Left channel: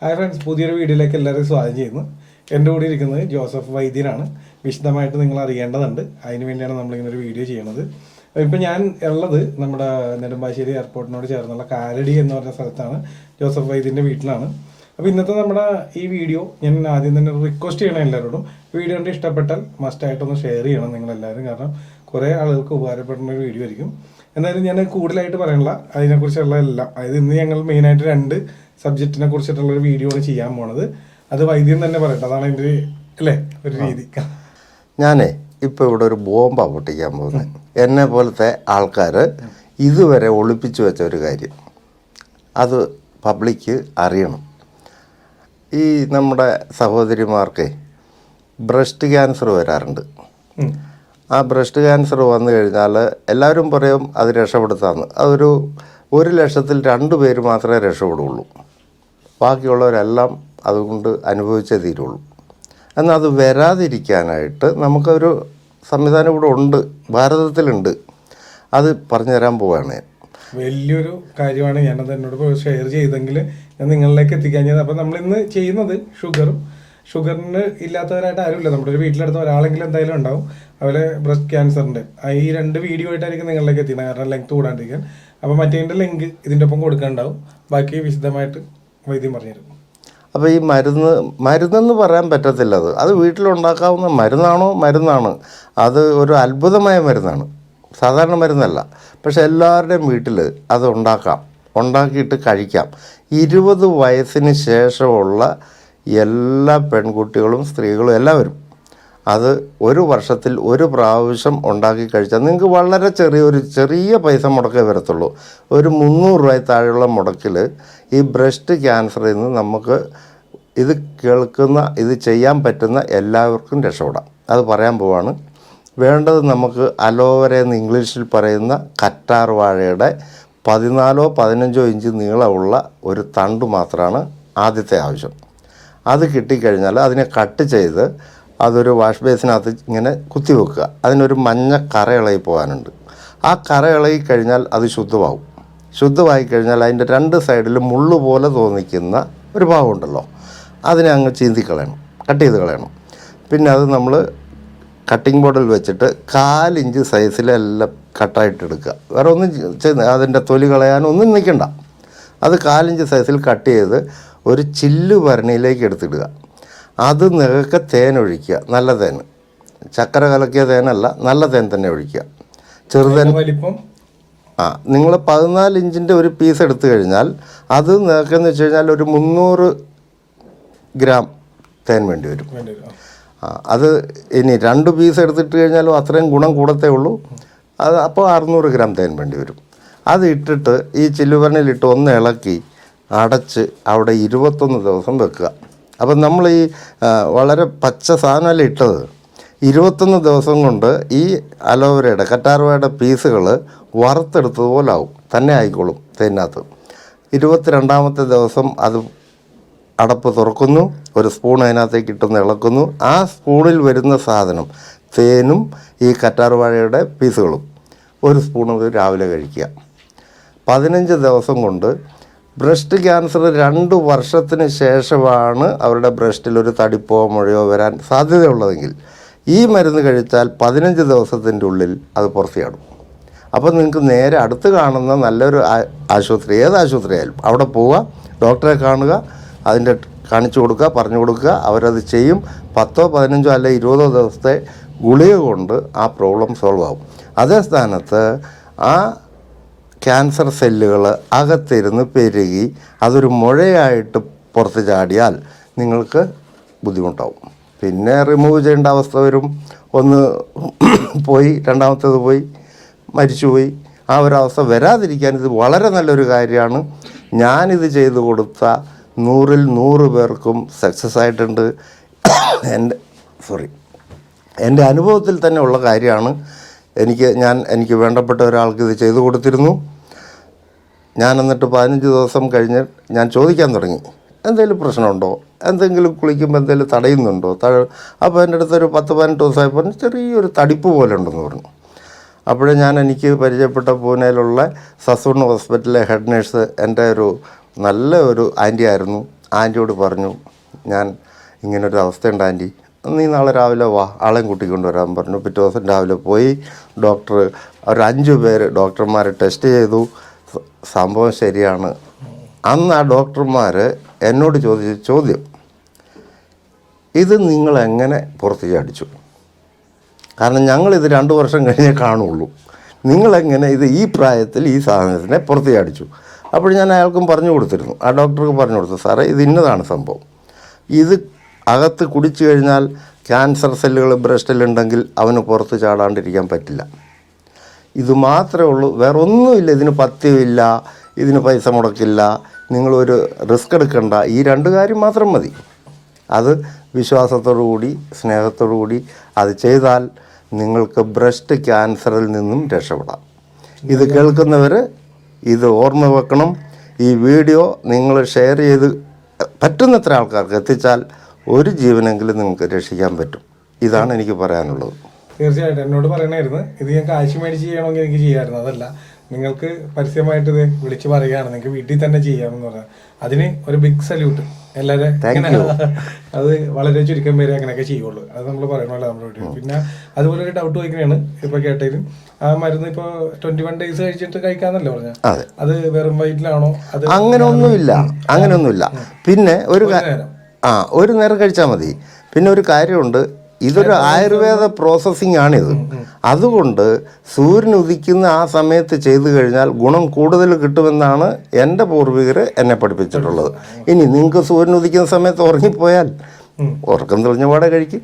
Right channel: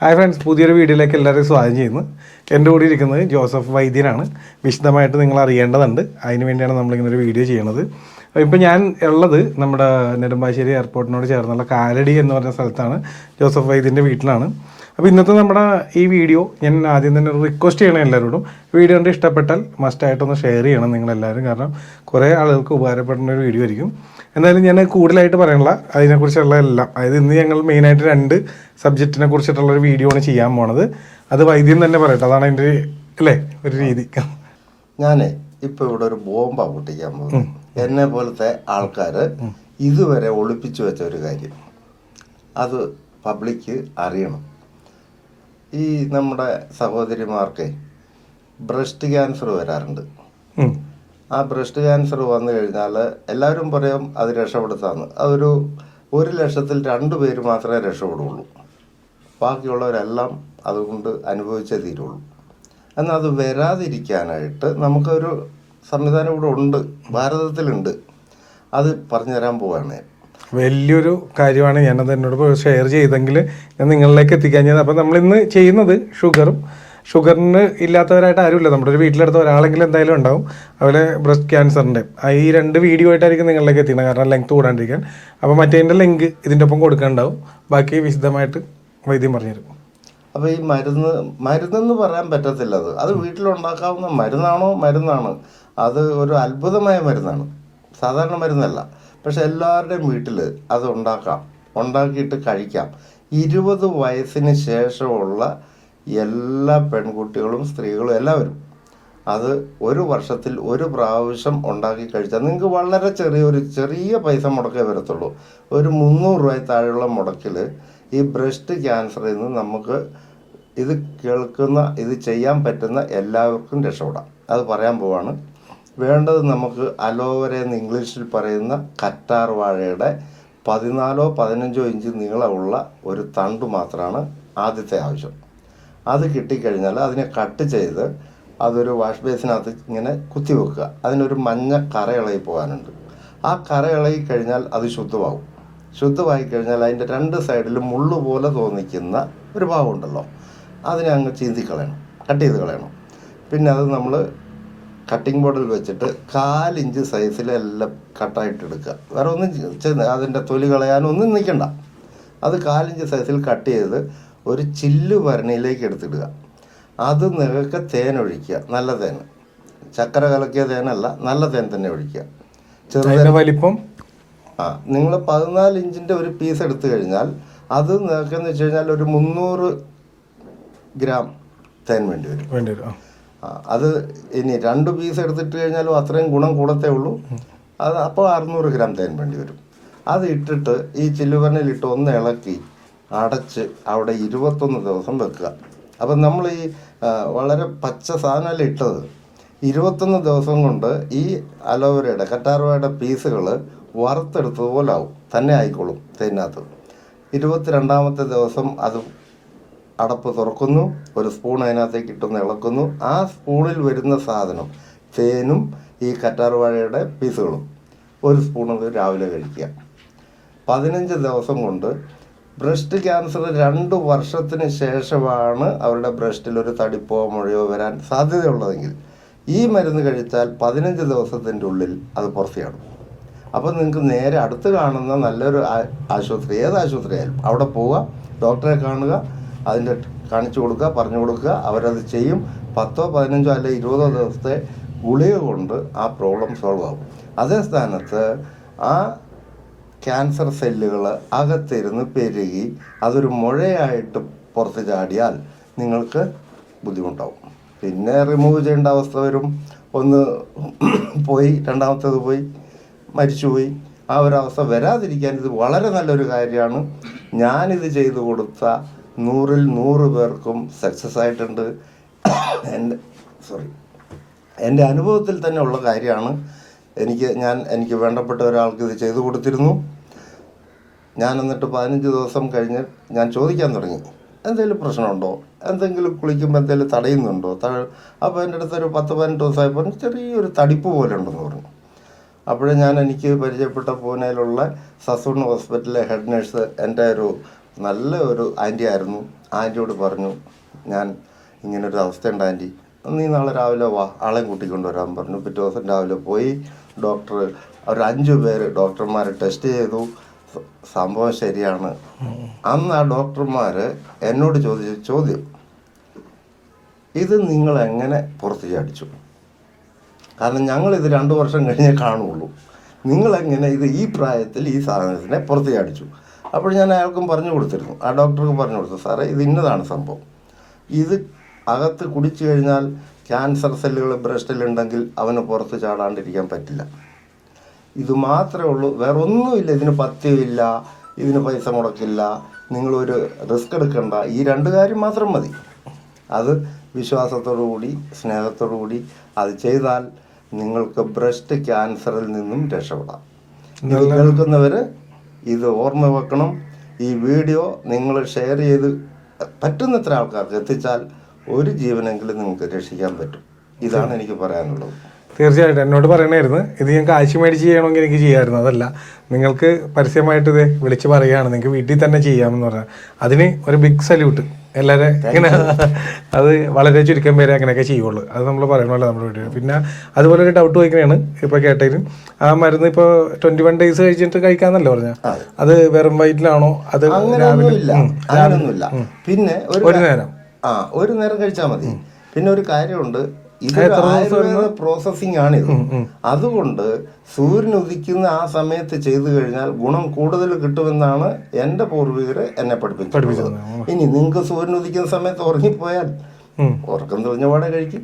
Hi friends, പുതിയൊരു വീഡിയോയിലേക്ക് എല്ലാവരെയും സ്വാഗതം ചെയ്യുന്നു. എൻ്റെ കൂടെ ഇരിക്കുന്നത് ജോസഫ് വൈദ്യനാണ്. വിശദമായിട്ട് നിങ്ങൾ അറിയേണ്ടതുണ്ട്, അതിന് വേണ്ടിയാണ് നമ്മളിങ്ങനെ ഒരു വീഡിയോ ചെയ്യണത്. ഇപ്പം ഞാൻ ഉള്ളത് നമ്മുടെ നെടുമ്പാശ്ശേരി എയർപോർട്ടിനോട് ചേർന്നുള്ള കാലടി എന്ന് പറഞ്ഞ സ്ഥലത്താണ്. ജോസഫ് വൈദ്യൻ്റെ വീട്ടിലാണ്. അപ്പോൾ ഇന്നത്തെ നമ്മുടെ ഈ വീഡിയോ ഞാൻ ആദ്യം തന്നെ ഒരു റിക്വസ്റ്റ് ചെയ്യണം എല്ലാവരോടും. വീഡിയോ കണ്ട് ഇഷ്ടപ്പെട്ടാൽ മസ്റ്റായിട്ടൊന്ന് ഷെയർ ചെയ്യണം നിങ്ങളെല്ലാവരും, കാരണം കുറേ ആളുകൾക്ക് ഉപകാരപ്പെടുന്ന ഒരു വീഡിയോ ആയിരിക്കും. എന്തായാലും ഞാൻ കൂടുതലായിട്ട് പറയണില്ല, അതിനെക്കുറിച്ചുള്ള എല്ലാം, അതായത് ഇന്ന് ഞങ്ങൾ മെയിനായിട്ട് 2 സബ്ജക്റ്റിനെ കുറിച്ചിട്ടുള്ളൊരു വീഡിയോ ആണ് ചെയ്യാൻ പോണത്. അത് വൈദ്യം തന്നെ പറയട്ടെ, അതാണ് എൻ്റെ അല്ലേ ഒരു രീതി. ഞാനേ ഇപ്പോൾ ഇവിടെ ഒരു ബോംബാണ് പൊട്ടിക്കാൻ പോകുന്നത്. എന്നെ പോലത്തെ ആൾക്കാർ ഇതുവരെ ഒളിപ്പിച്ചു വെച്ച ഒരു കാര്യം, അത് പബ്ലിക്ക് അറിയണം. ഈ നമ്മുടെ സഹോദരിമാർക്ക് ബ്രസ്റ്റ് ക്യാൻസർ വരാറുണ്ട്. ആ ബ്രസ്റ്റ് ക്യാൻസർ വന്നു കഴിഞ്ഞാൽ എല്ലാവരും പറയും അത് രക്ഷപ്പെടുത്താമെന്ന്. അതൊരു 1,00,000-ൽ 2 പേര് മാത്രമേ രക്ഷപ്പെടുകയുള്ളൂ. ബാക്കിയുള്ളവരെല്ലാം അതുകൊണ്ട് അനുഭവിച്ചേ തീരുള്ളൂ. എന്നാൽ അത് വരാതിരിക്കാനായിട്ട് നമുക്കൊരു സംവിധാനം ഇവിടെ ഉണ്ട്, ഭാരതത്തിലുണ്ട്. അത് പറഞ്ഞു തരാൻ പോവുകയാണ് ഞാൻ. വലിയൊരു കാര്യമാണ്. ഞാനത് എന്നോട് ഷെയർ ചെയ്തെങ്കിൽ ഞാൻ നിങ്ങളിലേക്ക് എത്തിക്കാൻ. അപ്പം നമ്മളിന്ന് ചെയ്യുന്നത് ഷുഗറിന് ഇല്ലാത്തവരായിട്ട് ആരുമില്ല. നമ്മുടെ ഒരു വീട്ടിലെടുത്ത ഒരാളെങ്കിലും എന്തായാലും ഉണ്ടാവും. അതുപോലെ ബ്രസ്റ്റ് ക്യാൻസറിൻ്റെ ഈ 2 വീഡിയോ ആയിട്ടായിരിക്കും നിങ്ങളിലേക്ക് എത്തിക്കുന്നത്, കാരണം ലെങ്ത് കൂടാണ്ടിരിക്കാൻ. അപ്പോൾ മറ്റേതിൻ്റെ ലിങ്ക് ഇതിൻ്റെ ഒപ്പം കൊടുക്കുന്നുണ്ടാവും. ബാക്കി വിശദമായിട്ട് വൈദ്യം പറഞ്ഞുതരും. അപ്പോൾ ഈ മരുന്നെന്ന് പറയാൻ പറ്റത്തില്ല. അത് വീട്ടിലുണ്ടാക്കാവുന്ന മരുന്നാണ്. അത് ഒരു അത്ഭുതമായ മരുന്നാണ്, സാധാരണ മരുന്നല്ല. പക്ഷെ എല്ലാവരുടെയും വീട്ടിൽ അത് ഉണ്ടാക്കിയിട്ട് കഴിക്കാം. 20 വയസ്സിന് ശേഷമുള്ള എല്ലാ പെൺകുട്ടികളും സ്ത്രീകളും എല്ലാവരും അത് 1 വർഷത്തിൽ 1 പ്രാവശ്യം ഉണ്ടാക്കി കഴിച്ചാൽ നിങ്ങൾക്ക് വളരെ ചെറിയ പൈസ മുടക്കേ വരത്തുള്ളൂ. ഒരു 300 രൂപ താഴെയുള്ള മുടക്കിൽ ഈ ബ്രസ്റ്റ് ക്യാൻസറിൽ നിന്ന് നമുക്ക് ഇത് ചെയ്യാൻ പറ്റുന്ന എല്ലാവർക്കും രക്ഷപ്പെടാം. അത് പറയാൻ പോവാണ്. വേണ്ടത് നമുക്ക് അലോവേര എന്ന് ഇംഗ്ലീഷിൽ പറയുന്ന കറ്റാർ വാഴയുടെ 14-15 ഇഞ്ച് നീളമുള്ള ഒരു തണ്ട് മാത്രമാണ് ആദ്യത്തെ ആവശ്യം. അത് കിട്ടിക്കഴിഞ്ഞാൽ അതിനെ കട്ട് ചെയ്ത് അതൊരു വാഷ് ബേസിനകത്ത് ഇങ്ങനെ കുത്തി വെക്കുക. അതിനൊരു മഞ്ഞ കറ ഇളകി പോകാനുണ്ട്. ആ കറ ഇളകി കഴിഞ്ഞാൽ അത് ശുദ്ധമായി കഴിഞ്ഞാൽ അതിൻ്റെ 2 സൈഡിലും മുള്ളു പോലെ തോന്നിക്കുന്ന ഒരു ഭാഗമുണ്ടല്ലോ, അതിനെ അങ്ങ് കട്ട് ചെയ്ത് കളയണം. പിന്നെ അത് നമ്മൾ കട്ടിംഗ് ബോർഡിൽ വെച്ചിട്ട് 1/4 ഇഞ്ച് സൈസിലെല്ലാം കട്ടായിട്ടെടുക്കുക. വേറെ ഒന്നും അതിൻ്റെ തൊലി കളയാനൊന്നും നിൽക്കണ്ട. അത് 1/4 ഇഞ്ച് സൈസിൽ കട്ട് ചെയ്ത് ഒരു ചില്ല് ഭരണിയിലേക്ക് എടുത്തിടുക. അത് നികക്കെ തേൻ ഒഴിക്കുക, നല്ല തേൻ, ചക്കര കലക്കിയ തേനല്ല, നല്ല തേൻ തന്നെ ഒഴിക്കുക. ചെറുതേൻ വലിപ്പം നിങ്ങൾ 14 ഇഞ്ചിൻ്റെ ഒരു പീസ് എടുത്തു കഴിഞ്ഞാൽ അത് നികക്കെന്ന് വെച്ച് കഴിഞ്ഞാൽ ഒരു 300 ഗ്രാം തേൻ വേണ്ടി വരും. അത് ഇനി 2 പീസ് എടുത്തിട്ട് കഴിഞ്ഞാലും അത്രയും ഗുണം കൂടത്തേ ഉള്ളൂ. അത് അപ്പോൾ 600 ഗ്രാം തേൻ വേണ്ടി വരും. അത് ഇട്ടിട്ട് ഈ ചില്ലുഭരണിയിലിട്ട് ഒന്ന് ഇളക്കി അടച്ച് അവിടെ 21 ദിവസം വെക്കുക. അപ്പം നമ്മൾ ഈ വളരെ പച്ച സാധനമല്ല ഇട്ടത്. 21 ദിവസം കൊണ്ട് ഈ അലോവേരയുടെ കറ്റാർവാഴയുടെ പീസുകൾ വറുത്തെടുത്തതുപോലെ ആവും, തന്നെ ആയിക്കോളും തേനകത്ത്. 22ാമത്തെ ദിവസം അത് അടപ്പ് തുറക്കുന്നു, ഒരു സ്പൂൺ അതിനകത്തേക്ക് ഇട്ടൊന്ന് ഇളക്കുന്നു. ആ സ്പൂണിൽ വരുന്ന സാധനം തേനും ഈ കറ്റാർവാഴയുടെ പീസുകളും 1 സ്പൂൺ രാവിലെ കഴിക്കുക. 15 ദിവസം കൊണ്ട് ബ്രസ്റ്റ് ക്യാൻസർ 2 വർഷത്തിന് ശേഷമാണ് അവരുടെ ബ്രസ്റ്റിൽ ഒരു തടിപ്പോ മുഴയോ വരാൻ സാധ്യതയുള്ളതെങ്കിൽ ഈ മരുന്ന് കഴിച്ചാൽ 15 ദിവസത്തിൻ്റെ ഉള്ളിൽ അത് പുറത്തിയാടും. അപ്പോൾ നിങ്ങൾക്ക് നേരെ അടുത്ത് കാണുന്ന നല്ലൊരു ആശുപത്രി, ഏത് ആശുപത്രിയായാലും അവിടെ പോവുക, ഡോക്ടറെ കാണുക, അതിൻ്റെ കാണിച്ചു കൊടുക്കുക, പറഞ്ഞു കൊടുക്കുക, അവരത് ചെയ്യും. 10, 15 അല്ലെ 20 ദിവസത്തെ ഗുളിക കൊണ്ട് ആ പ്രോബ്ലം സോൾവ് ആകും. അതേ സ്ഥാനത്ത് ആ ക്യാൻസർ സെല്ലുകൾ അകത്തിരുന്ന് പെരുകി അതൊരു മുഴയായിട്ട് പുറത്ത് ചാടിയാൽ നിങ്ങൾക്ക് ബുദ്ധിമുട്ടാവും. പിന്നെ റിമൂവ് ചെയ്യേണ്ട അവസ്ഥ വരും. ഒന്ന് പോയി, രണ്ടാമത്തേത് പോയി, മരിച്ചുപോയി. ആ ഒരു അവസ്ഥ വരാതിരിക്കാൻ ഇത് വളരെ നല്ലൊരു കാര്യമാണ്. ഞാനിത് ചെയ്തു കൊടുത്ത 100-ൽ 100 പേർക്കും സക്സസ് ആയിട്ടുണ്ട്. എൻ്റെ അനുഭവത്തിൽ തന്നെ ഉള്ള കാര്യമാണ്. എനിക്ക് വേണ്ടപ്പെട്ട ഒരാൾക്ക് ഇത് ചെയ്തു കൊടുത്തിരുന്നു. ഞാൻ എന്നിട്ട് 15 ദിവസം കഴിഞ്ഞ് ഞാൻ ചോദിക്കാൻ തുടങ്ങി, എന്തെങ്കിലും പ്രശ്നമുണ്ടോ, എന്തെങ്കിലും കുളിക്കുമ്പോൾ എന്തെങ്കിലും തടയുന്നുണ്ടോ. അപ്പോൾ എൻ്റെ അടുത്തൊരു 10-15 ദിവസമായപ്പോൾ ചെറിയൊരു തടിപ്പ് പോലെ ഉണ്ടെന്ന് പറഞ്ഞു. അപ്പോഴേ എനിക്ക് പരിചയപ്പെട്ട പൂനെയിലുള്ള സസൂൺ ഹോസ്പിറ്റലിലെ ഹെഡ് നേഴ്സ് എൻ്റെ ഒരു നല്ല ഒരു ആൻറ്റി ആയിരുന്നു. ആൻറ്റിയോട് പറഞ്ഞു, ഞാൻ ഇങ്ങനൊരു അവസ്ഥയുണ്ട് ആൻറ്റി, നീ നാളെ രാവിലെ വാ, ആളെയും കൂട്ടിക്കൊണ്ട് വരാൻ പറഞ്ഞു. പിറ്റേ ദിവസം രാവിലെ പോയി. ഡോക്ടർ ഒരു 5 പേര് ഡോക്ടർമാരെ ടെസ്റ്റ് ചെയ്തു. സംഭവം ശരിയാണ്. അന്ന് ആ ഡോക്ടർമാർ എന്നോട് ചോദിച്ച ചോദ്യം, ഇത് നിങ്ങളെങ്ങനെ പുറത്ത് ചാടിച്ചു? കാരണം ഞങ്ങളിത് 2 വർഷം കഴിഞ്ഞേ കാണുള്ളൂ. നിങ്ങളെങ്ങനെ ഇത് ഈ പ്രായത്തിൽ ഈ സാധനത്തിനെ പുറത്ത് ചാടിച്ചു? അപ്പോൾ ഞാൻ അയാൾക്കും പറഞ്ഞു കൊടുത്തിരുന്നു, ആ ഡോക്ടർക്ക് പറഞ്ഞു കൊടുത്തു, സാറേ ഇത് ഇന്നതാണ് സംഭവം. ഇത് അകത്ത് കുടിച്ചു കഴിഞ്ഞാൽ ക്യാൻസർ സെല്ലുകൾ ബ്രസ്റ്റിലുണ്ടെങ്കിൽ അവന് പുറത്ത് ചാടാണ്ടിരിക്കാൻ പറ്റില്ല. ഇത് മാത്രമേ ഉള്ളൂ, വേറെ ഒന്നുമില്ല. ഇതിന് പഥ്യമില്ല, ഇതിന് പൈസ മുടക്കില്ല, നിങ്ങളൊരു റിസ്ക് എടുക്കണ്ട. ഈ 2 കാര്യം മാത്രം മതി. അത് വിശ്വാസത്തോടു കൂടി സ്നേഹത്തോടു കൂടി അത് ചെയ്താൽ നിങ്ങൾക്ക് ബ്രസ്റ്റ് ക്യാൻസറിൽ നിന്നും രക്ഷപ്പെടാം. ഇത് കേൾക്കുന്നവർ ഇത് ഓർമ്മ വെക്കണം. ഈ വീഡിയോ നിങ്ങൾ ഷെയർ ചെയ്ത് പറ്റുന്നത്ര ആൾക്കാർക്ക് എത്തിച്ചാൽ ഒരു ജീവനെങ്കിലും നിങ്ങൾക്ക് രക്ഷിക്കാൻ പറ്റും. ഇതാണ് എനിക്ക് പറയാനുള്ളത്. തീർച്ചയായിട്ടും എന്നോട് പറയണമായിരുന്നു, ഇത് ഞാൻ കാശ് മേടിച്ച് ചെയ്യണമെങ്കിൽ എനിക്ക് ചെയ്യാമായിരുന്നു. അതല്ല, നിങ്ങൾക്ക് പരസ്യമായിട്ട് ഇത് വിളിച്ച് പറയുകയാണ്, നിങ്ങൾക്ക് വീട്ടിൽ തന്നെ ചെയ്യാമെന്ന് പറഞ്ഞാൽ അതിന് ഒരു ബിഗ് സല്യൂട്ട്. എല്ലാവരും ഇങ്ങനെ അത് വളരെ ചുരുക്കം പേരെ അങ്ങനെയൊക്കെ ചെയ്യുള്ളൂ. അത് നമ്മൾ പറയണമല്ലോ നമ്മുടെ വീട്ടിൽ. പിന്നെ അതുപോലെ ഒരു ഡൗട്ട് ചോദിക്കുന്നതാണ് ഇപ്പോൾ കേട്ടതിലും, ആ മരുന്ന് ഇപ്പോൾ 21 days കഴിച്ചിട്ട് കഴിക്കാന്നല്ലോ പറഞ്ഞാൽ, അത് വെറും വയറ്റിലാണോ? അത് അങ്ങനെയൊന്നുമില്ല. പിന്നെ ഒരു നേരം കഴിച്ചാൽ മതി. പിന്നെ ഒരു കാര്യമുണ്ട്, ഇതൊരു ആയുർവേദ പ്രോസസ്സിംഗ് ആണിത്. അതുകൊണ്ട് സൂര്യൻ ഉദിക്കുന്ന ആ സമയത്ത് ചെയ്തു കഴിഞ്ഞാൽ ഗുണം കൂടുതൽ കിട്ടുമെന്നാണ് എൻ്റെ പൂർവികർ എന്നെ പഠിപ്പിച്ചിട്ടുള്ളത്. ഇനി നിങ്ങൾക്ക് സൂര്യൻ ഉദിക്കുന്ന സമയത്ത് ഉറങ്ങിപ്പോയാൽ ഉറക്കം തെളിഞ്ഞ പാടെ കഴിക്കും.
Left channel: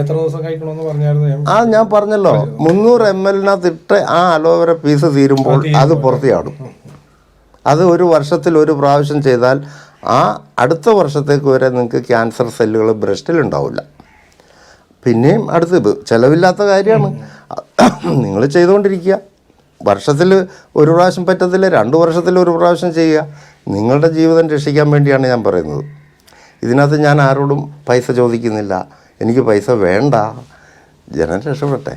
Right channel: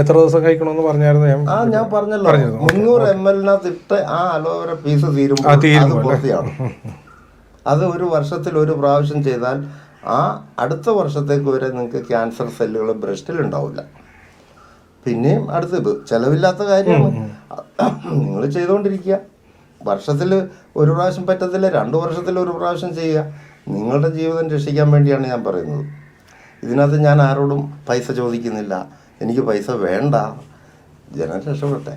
എത്ര ദിവസം കഴിക്കണമെന്ന് പറഞ്ഞായിരുന്നു? ഞാൻ പറഞ്ഞല്ലോ, 300 ml ആ അലോവേര പീസ് തീരുമ്പോൾ അത് പുറത്തെയാടും. അത് 1 വർഷത്തിൽ 1 പ്രാവശ്യം ചെയ്താൽ ആ അടുത്ത വർഷത്തേക്ക് വരെ നിങ്ങൾക്ക് ക്യാൻസർ സെല്ലുകൾ ബ്രസ്റ്റിൽ ഉണ്ടാവില്ല. പിന്നെയും അടുത്തത് ചിലവില്ലാത്ത കാര്യമാണ്, നിങ്ങൾ ചെയ്തുകൊണ്ടിരിക്കുക. വർഷത്തിൽ 1 പ്രാവശ്യം പറ്റത്തില്ല, 2 വർഷത്തിൽ 1 പ്രാവശ്യം ചെയ്യുക. നിങ്ങളുടെ ജീവിതം രക്ഷിക്കാൻ വേണ്ടിയാണ് ഞാൻ പറയുന്നത്. ഇതിനകത്ത് ഞാൻ ആരോടും പൈസ ചോദിക്കുന്നില്ല, എനിക്ക് പൈസ വേണ്ട, ജനം രക്ഷപ്പെടട്ടെ.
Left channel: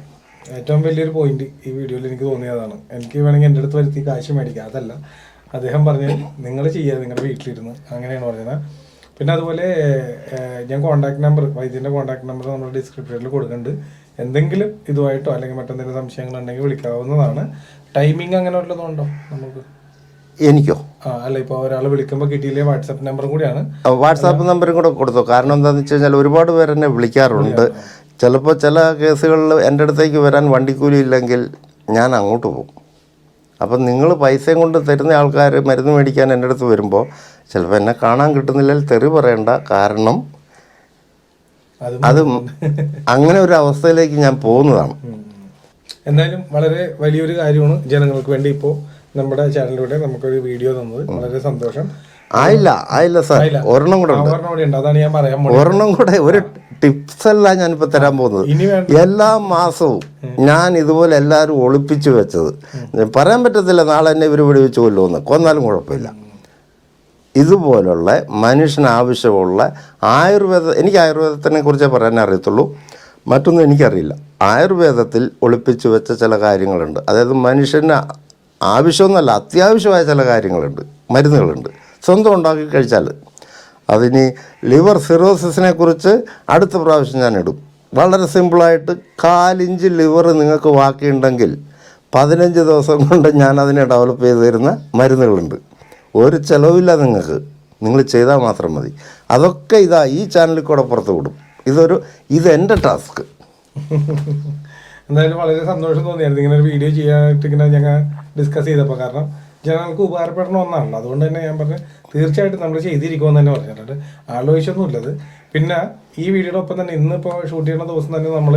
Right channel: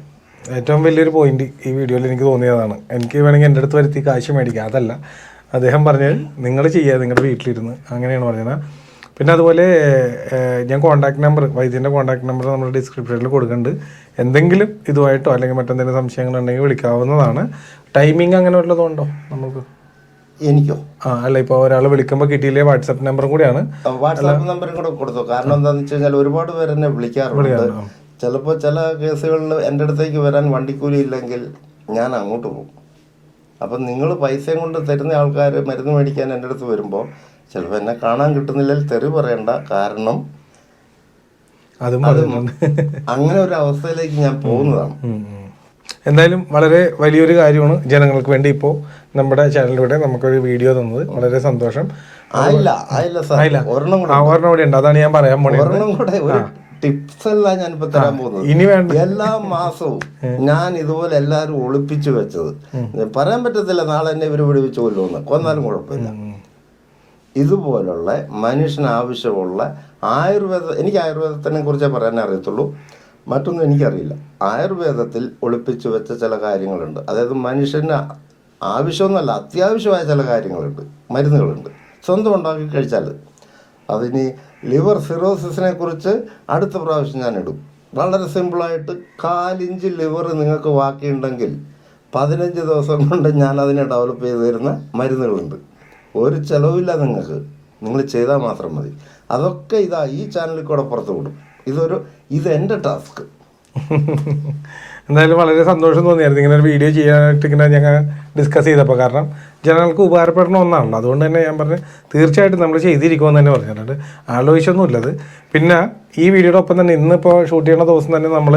ഏറ്റവും വലിയൊരു പോയിന്റ് ഈ വീഡിയോയിൽ എനിക്ക് തോന്നിയതാണ്. എനിക്ക് വേണമെങ്കിൽ എൻ്റെ അടുത്ത് വരുത്തി കാശ് മേടിക്കാം, അതല്ല അദ്ദേഹം പറഞ്ഞത് നിങ്ങൾ ചെയ്യുക നിങ്ങളുടെ വീട്ടിലിരുന്ന്, അങ്ങനെയാണ് പറഞ്ഞത്. പിന്നെ അതുപോലെ ഞാൻ കോൺടാക്ട് നമ്പർ, വൈദ്യൻ്റെ കോൺടാക്ട് നമ്പർ നമ്മൾ ഡിസ്ക്രിപ്ഷനിൽ കൊടുക്കുന്നുണ്ട്. എന്തെങ്കിലും ഇതുമായിട്ടോ അല്ലെങ്കിൽ മറ്റെന്തെങ്കിലും സംശയങ്ങളുണ്ടെങ്കിൽ വിളിക്കാവുന്നതാണ്. ടൈമിംഗ് അങ്ങനെ വല്ലതുണ്ടോ നമുക്ക്? എനിക്കോ? അല്ല, ഇപ്പോൾ ഒരാൾ വിളിക്കുമ്പോൾ കിട്ടിയില്ലേ വാട്സാപ്പ് നമ്പറും കൂടിയാണ്. വാട്സാപ്പ് നമ്പറും കൂടെ കൊടുത്തു. കാരണം എന്താണെന്ന് വെച്ച് കഴിഞ്ഞാൽ ഒരുപാട് പേര് എന്നെ വിളിക്കാറുണ്ട്. ചിലപ്പോൾ ചില കേസുകളിൽ എൻ്റെ അടുത്തേക്ക് വരാൻ വണ്ടിക്കൂലി ഇല്ലെങ്കിൽ ഞാൻ അങ്ങോട്ട് പോകും. അപ്പം നിങ്ങൾ പൈസയും കൊണ്ട് തരുന്ന ആൾക്കാർ മരുന്ന് മേടിക്കാൻ എൻ്റെ അടുത്ത് വരുമ്പോൾ ചിലപ്പോൾ എന്നെ കാണാൻ കിട്ടുന്നില്ലെങ്കിൽ തെറി പറയണ്ട. കാരണം അത് അങ്ങനെ ഒരു അവസ്ഥയിലേക്ക് ഞാൻ പോകുന്നതാണ്. എന്തായാലും വളരെ വലിയൊരു കാര്യമാണ് ജനങ്ങൾക്ക് വേണ്ടി ഇപ്പോൾ നമ്മുടെ ചാനലിലൂടെ നമുക്കൊരു വീഡിയോ തന്നത്. വളരെ സന്തോഷം. ആയില്ല സാർ, ഒരെണ്ണം കൂടെ ഉണ്ട്. അതാണ് ഞാൻ പറയാൻ പോകുന്നത്. ഒരെണ്ണം കൂടെ ഒരു ടിപ്സ് അല്ല ഞാനിപ്പോൾ തരാൻ പോകുന്നത്. എല്ലാ മാസവും ഞാൻ ഇതുപോലെ എല്ലാവരും ഒളിപ്പിച്ചു വെച്ചത്, പറയാൻ പറ്റത്തില്ല നാളെ എന്നെ ഇവർ വെടിവെച്ച് കൊല്ലുമെന്ന്, കൊന്നാലും കുഴപ്പമില്ല. ഇതുപോലുള്ള മനുഷ്യന് ആവശ്യമുള്ള എനിക്ക് ആയുർവേദത്തിനെ കുറിച്ചേ പറയാൻ അറിയത്തുള്ളൂ, മറ്റൊന്നും എനിക്കറിയില്ല. ആയുർവേദത്തിൽ ഒളിപ്പിച്ചു വെച്ച ചില കാര്യങ്ങളുണ്ട്. അതായത് മനുഷ്യന് ആവശ്യമൊന്നുമല്ല, അത്യാവശ്യമായ ചില കാര്യങ്ങളുണ്ട്, മരുന്നുകളുണ്ട്, സ്വന്തം ഉണ്ടാക്കി കഴിച്ചാൽ. അതിന് ലിവർ സിറോസിസിനെ കുറിച്ച് അടുത്ത പ്രാവശ്യം ഞാൻ ഇടും. വളരെ സിമ്പിളായിട്ട് 1/4 ഇഞ്ച് ലിവർ നിങ്ങൾക്ക് ബാക്കിയുണ്ടെങ്കിൽ 15 ദിവസം കൊണ്ട് ഞാൻ അതിനെ ഡെവലപ്പ് ചെയ്ത് തരുന്ന മരുന്നുകളുണ്ട്. ഒരു ചിലവില്ല നിങ്ങൾക്ക്, നിങ്ങൾ ചെയ്താൽ മാത്രം മതി. അതൊക്കെ ഈ ചാനലിൽ കൂടെ പുറത്ത് വിടും. ഇത് എൻ്റെ ടാസ്ക്. എന്തായാലും വളരെ സന്തോഷം തോന്നിയായിരുന്നു ഇങ്ങനെ ഒരു വീഡിയോ ചെയ്യാനായിട്ട് ഇങ്ങനെ ഞങ്ങൾ ഡിസ്കസ് ചെയ്തപ്പോൾ. കാരണം ജനങ്ങൾക്ക് ഉപകാരപ്പെടുന്ന ഒന്നാണല്ലോ. അതുകൊണ്ട് തന്നെ ഞാൻ പറഞ്ഞു തീർച്ചയായിട്ടും നമ്മൾ ചെയ്തിരിക്കുമെന്ന് തന്നെ പറഞ്ഞിട്ടുണ്ട്. ആലോചിച്ചൊന്നുമില്ലത്. പിന്നെ ഈ വീഡിയോയുടെ ഒപ്പം തന്നെ ഇന്നിപ്പോൾ ഷൂട്ട് ചെയ്യുന്ന ദിവസം തന്നെ നമ്മൾ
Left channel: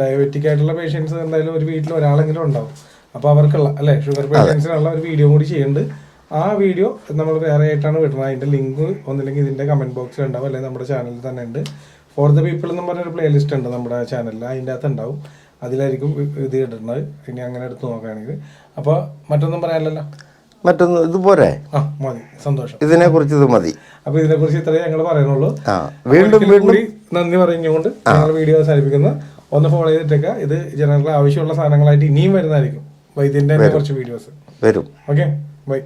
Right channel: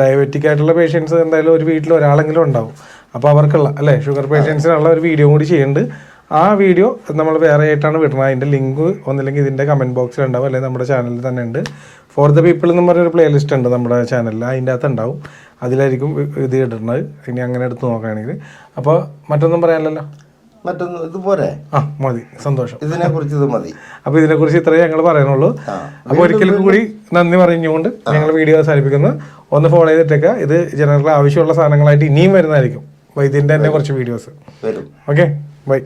ഡയബറ്റിക് ആയിട്ടുള്ള പേഷ്യൻസ് എന്തായാലും ഒരു വീട്ടിൽ ഒരാളെങ്കിലും ഉണ്ടാവും. അപ്പോൾ അവർക്കുള്ള ഷുഗർ പേഷ്യൻസിനുള്ള ഒരു വീഡിയോ കൂടി ചെയ്യുന്നുണ്ട്. ആ വീഡിയോ നമ്മൾ വേറെ ആയിട്ടാണ് വിടുന്നത്. അതിൻ്റെ ലിങ്ക് ഒന്നില്ലെങ്കിൽ ഇതിൻ്റെ കമൻറ്റ് ബോക്സിൽ ഉണ്ടാവും, അല്ലെങ്കിൽ നമ്മുടെ ചാനലിൽ തന്നെ ഉണ്ട്. ഫോർ ദ പീപ്പിൾ എന്ന് പറഞ്ഞൊരു പ്ലേലിസ്റ്റ് ഉണ്ട് നമ്മുടെ ചാനലിൽ, അതിൻ്റെ അകത്ത് ഉണ്ടാവും. അതിലായിരിക്കും ഇത് ഇടുന്നത്. ഇനി അങ്ങനെ എടുത്ത് നോക്കുകയാണെങ്കിൽ. അപ്പോൾ മറ്റൊന്നും പറയാനല്ലോ, മറ്റൊന്നും ഇതുപോലെ മതി. സന്തോഷം. ഇതിനെക്കുറിച്ച് ഇത് മതി. അപ്പോൾ ഇതിനെക്കുറിച്ച് ഇത്രയേ ഞങ്ങൾ പറയുന്നുള്ളൂ. ഒരിക്കലും കൂടി നന്ദി പറഞ്ഞുകൊണ്ട് ഞങ്ങൾ വീഡിയോ അവസാനിപ്പിക്കുന്നത്. ഒന്ന് ഫോളോ ചെയ്തിട്ടേക്കുക. ഇത് ജനറൽ ആവശ്യമുള്ള സാധനങ്ങളായിട്ട് ഇനിയും വരുന്നതായിരിക്കും. വൈദ്യൻ്റെ തന്നെ കുറച്ച് വീഡിയോസ് വരും. Okay, by.